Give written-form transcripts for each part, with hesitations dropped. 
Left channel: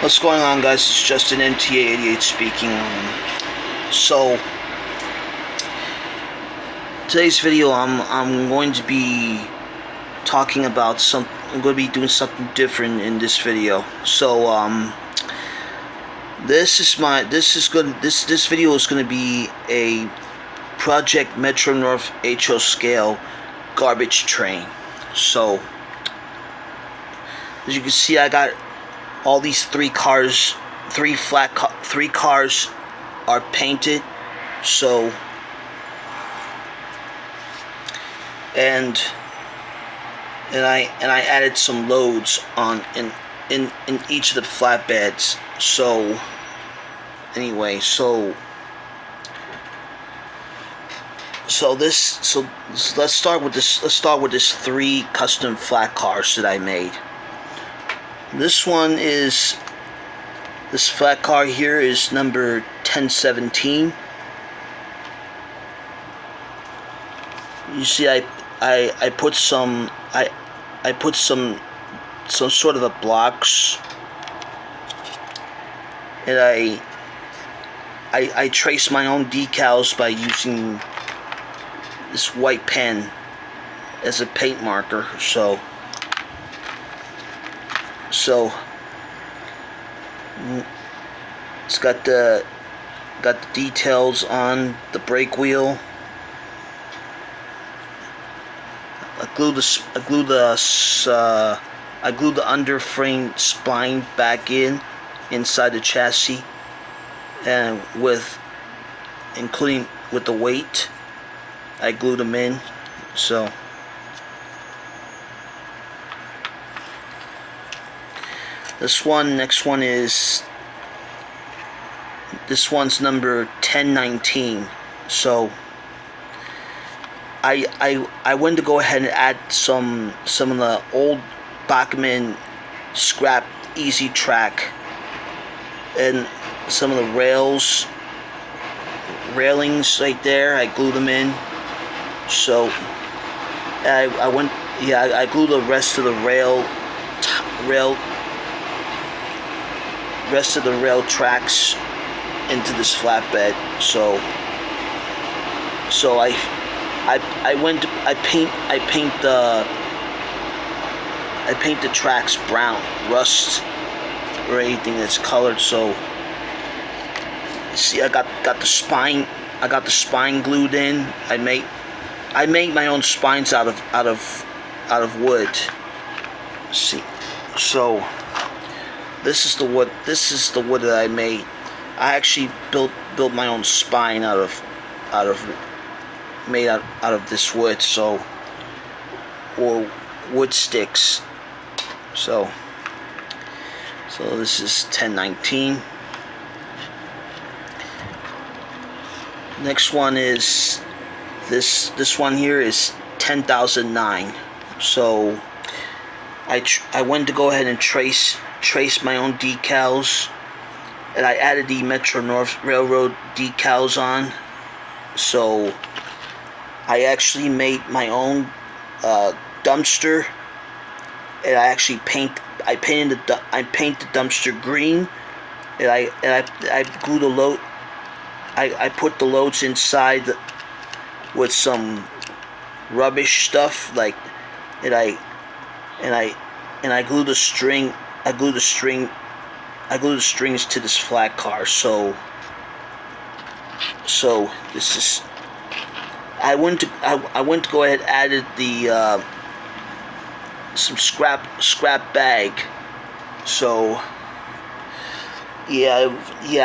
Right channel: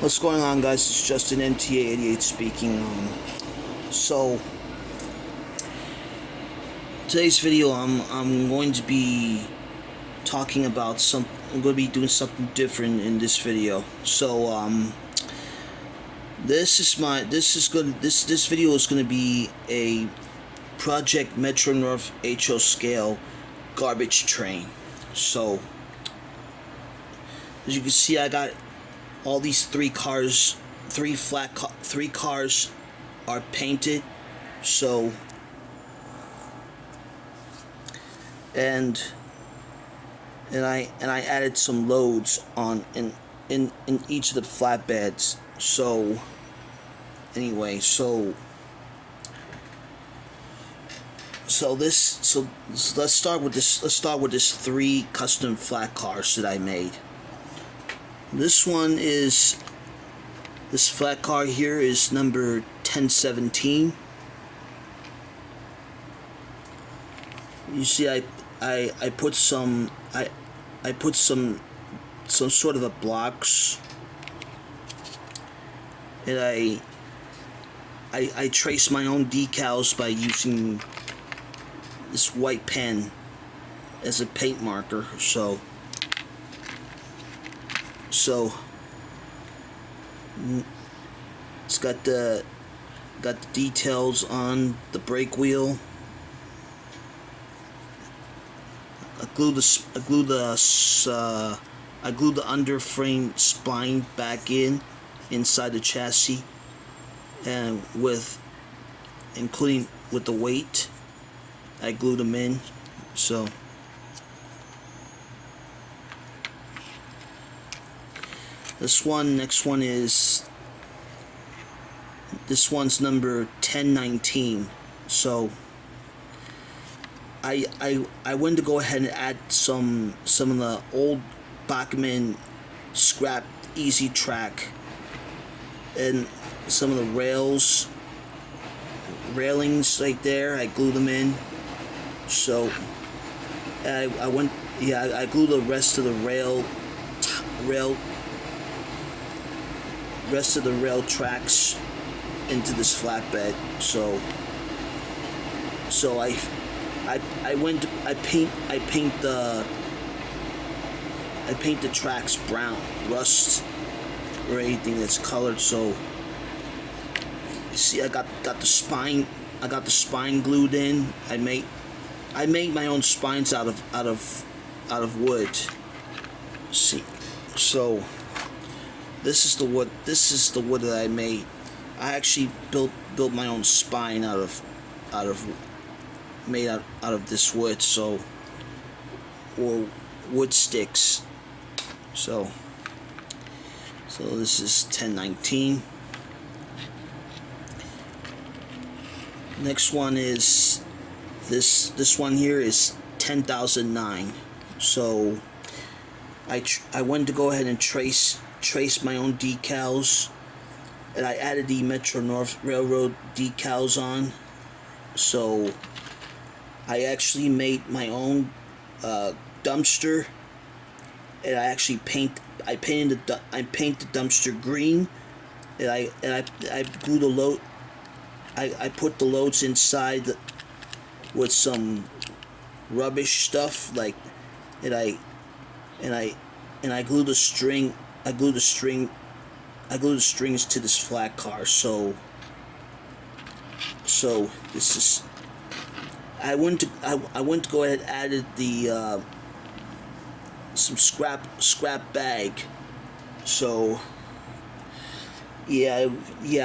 What's going on, guys? It's Justin MTA88 speaking. So today's video, I'm going to be talking about I'm going to be doing something different in this video. So this video is going to be a Project Metro North HO scale garbage train. So as you can see, I got all these three cars are painted. So and I added some loads on in each of the flatbeds. So anyway, so let's start with this three custom flat cars that I made. This flat car here is number 1017. You see, I put some sort of a blocks, and I trace my own decals by using this white pen as a paint marker. So it's got the details on the brake wheel. I glue the underframe spline back inside the chassis, and including with the weight, I glued them in. So next one is this one's number 1019. So I went to go ahead and add some of the old Bachmann scrap easy track and some of the railings right there. I glued them in. So I glued the rest of the rail tracks into this flatbed. So I paint the tracks brown, rust or anything that's colored. So see, I got the spine glued in. I made my own spines out of wood. See, so this is the wood that I made. I actually built my own spine out of this wood, or wood sticks. So this is 1019. Next one is this one here is 10,009. So I went to go ahead and trace my own decals, and I added the Metro North Railroad decals on. So I actually made my own dumpster, and I paint the dumpster green, and I glue the load. I put the loads inside with some rubbish stuff, like, and I glue the string. I glue the strings to this flat car. So this is. I went to go ahead and added the some scrap bag. So yeah,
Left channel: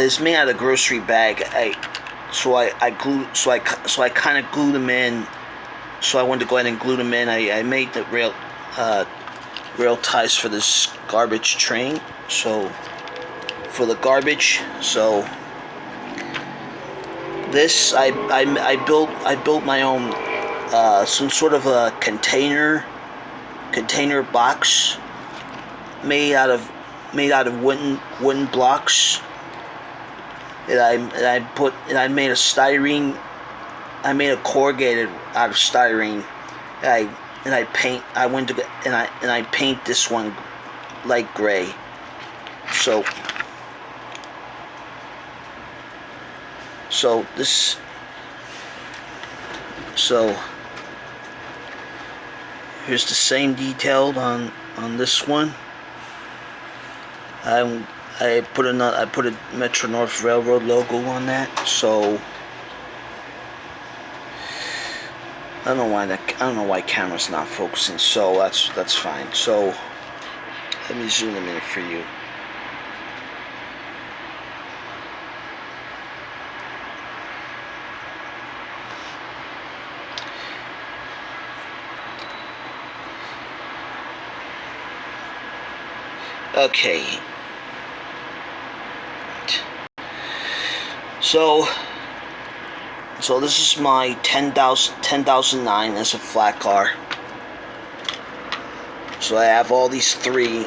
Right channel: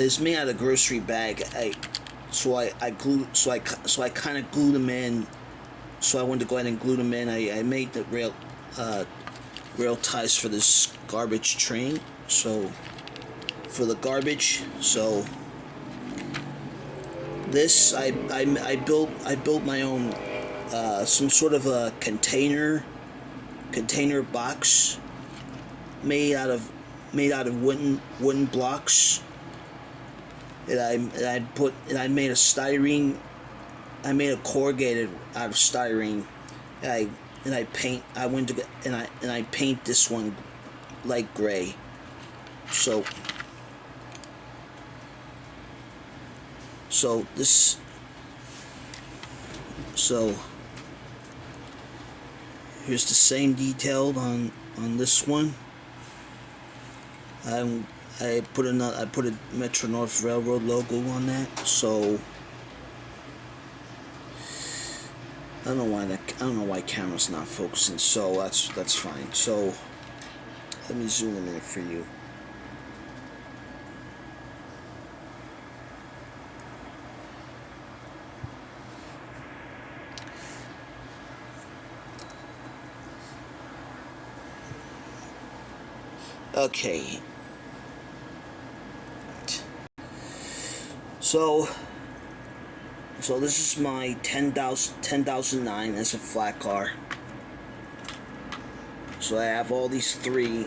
it's made out of grocery bag. I kind of glued them in. So I wanted to go ahead and glue them in. I made the rail ties for this garbage train. So for the garbage, so this I built my own some sort of a container box made out of wooden blocks, and I made a styrene. I made a corrugated out of styrene, and I paint this one light gray. So this, so here's the same detailed on this one. I put a Metro North Railroad logo on that. So I don't know why camera's not focusing. So that's fine. So let me zoom in for you. Okay. So this is my 10,009 as a flat car. So I have all these three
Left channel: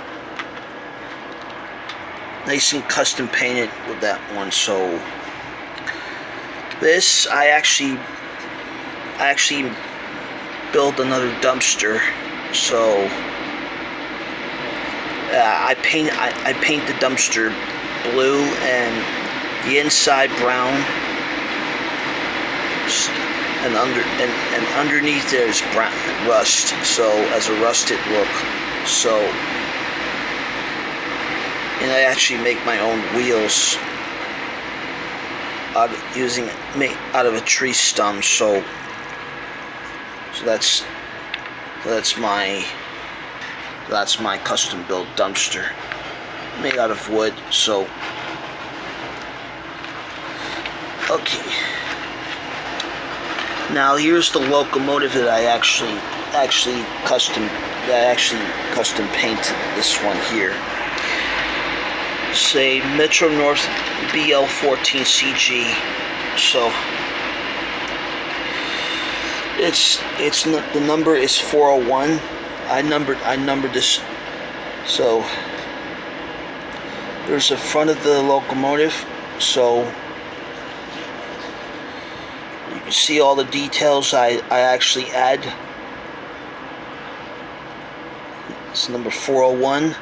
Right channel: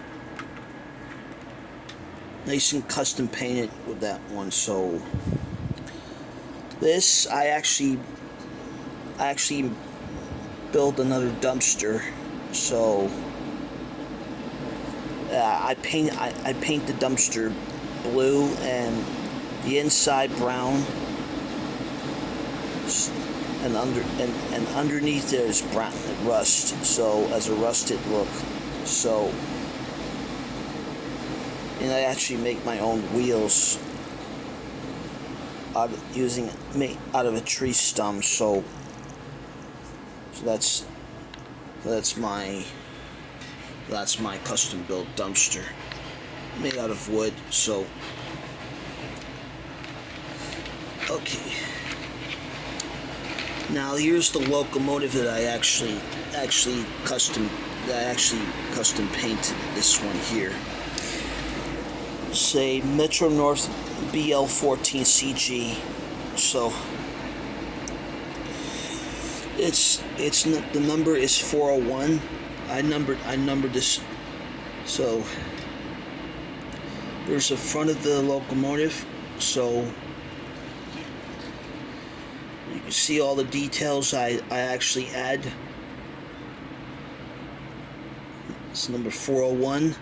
nice and custom painted with that one. So this, I actually built another dumpster. So I paint the dumpster blue and the inside brown, and underneath there's brown rust. So as a rusted look. So, and I actually make my own wheels out of a tree stump. So that's my custom built dumpster made out of wood. So okay, now here's the locomotive that I actually custom painted. This one here, say Metro North BL14CG. So the number is 401. I numbered this. So there's the front of the locomotive. So you can see all the details I actually add. It's number 401.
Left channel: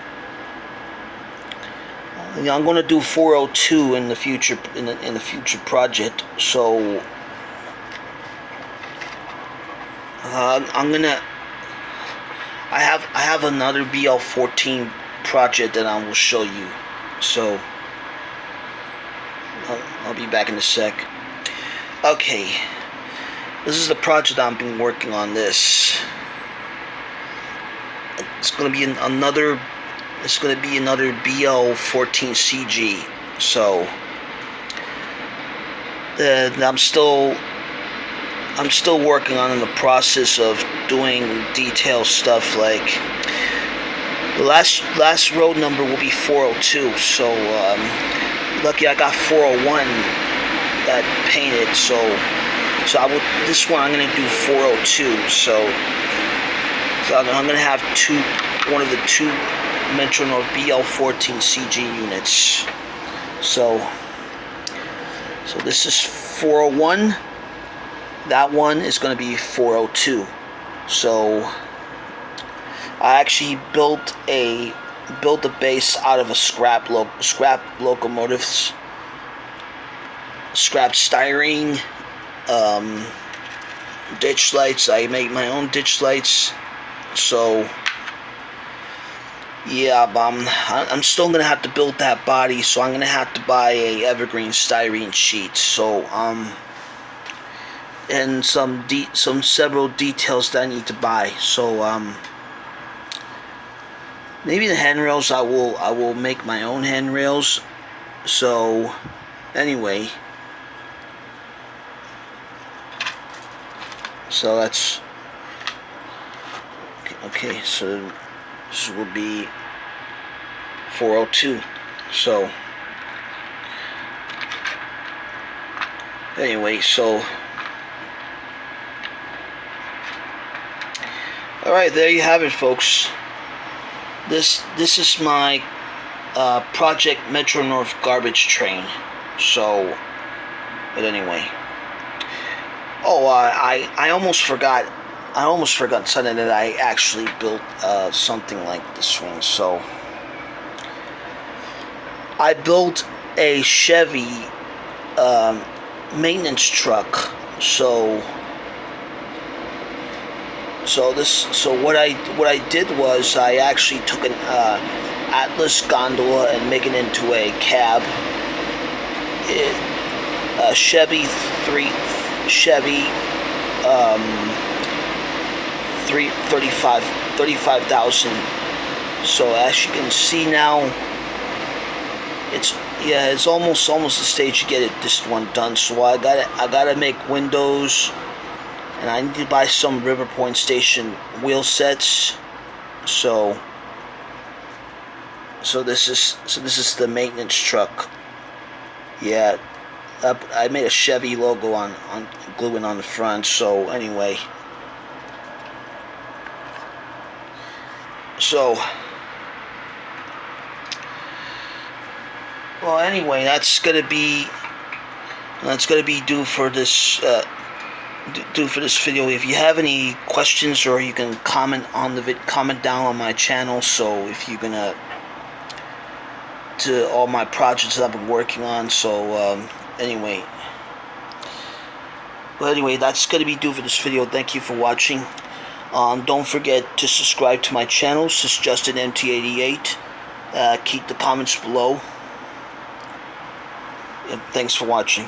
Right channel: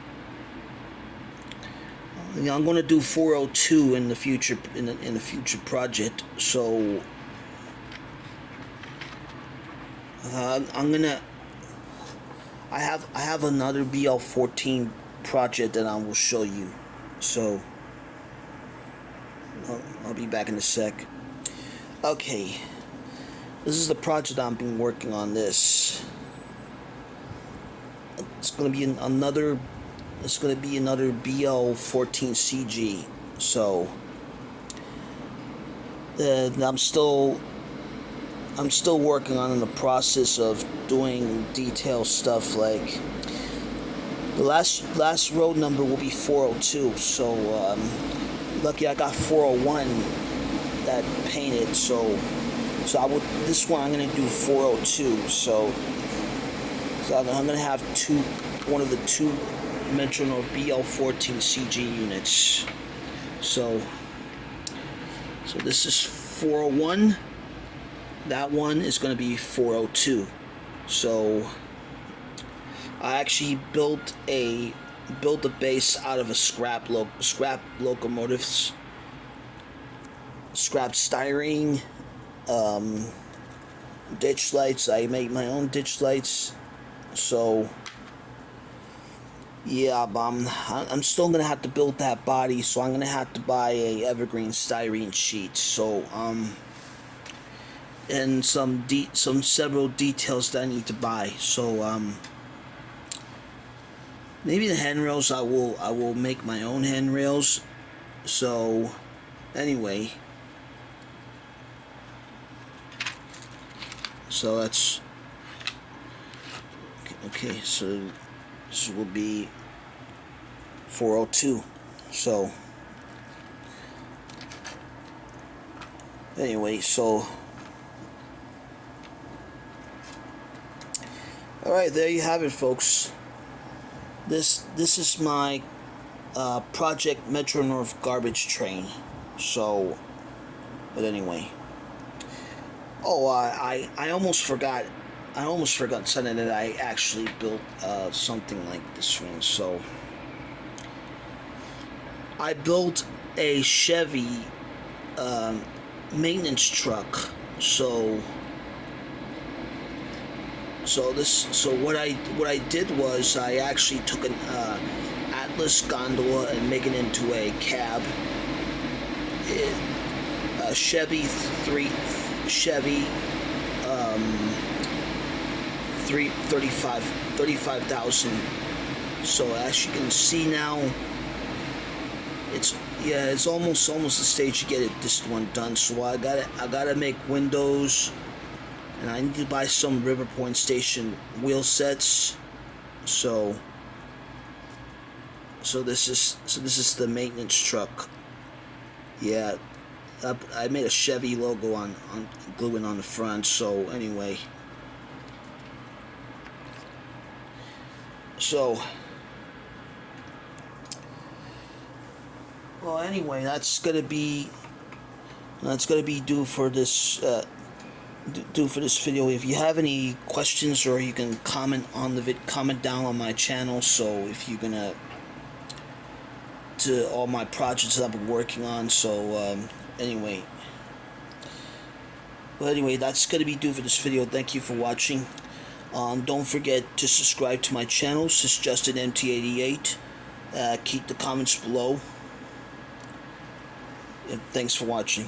I'm going to do 402 in the future in the future project. So I have another BL14 project that I will show you. So I'll be back in a sec. Okay, this is the project I've been working on. This, it's going to be another BL14CG. So I'm still working on in the process of doing detail stuff. Like the last road number will be 402. So lucky I got 401 that painted. So this one I'm gonna do 402. So I'm gonna have one of the two Metro North BL14CG units. So this is 401. That one is going to be 402. So I actually built a base out of a scrap locomotives, scrap styrene, ditch lights. I make my own ditch lights. So yeah, I'm still gonna have to build that body. So I'm gonna have to buy a evergreen styrene sheet. So and some several details that I need to buy. So maybe the handrails I will make my own handrails. So anyway, so that's okay. So this will be 402. So anyway, so all right, there you have it, folks. This is my Project Metro North garbage train. So, but anyway. Oh, I almost forgot. I almost forgot something, that I actually built something like this one. So I built a Chevy maintenance truck. So what I did was I actually took an Atlas gondola and make it into a cab. A Chevy 35,000. So as you can see now, it's almost the stage to get this one done. So I gotta make windows, and I need to buy some River Point Station wheel sets. So this is the maintenance truck. Yeah, I made a Chevy logo on gluing on the front. So anyway, well, anyway, that's gonna be due for this video. If you have any questions, or you can comment down on my channel. So if you're gonna to all my projects that I've been working on. So anyway, that's gonna be due for this video. Thank you for watching. Don't forget to subscribe to my channel. This is Justin MT88. Keep the comments below. And thanks for watching.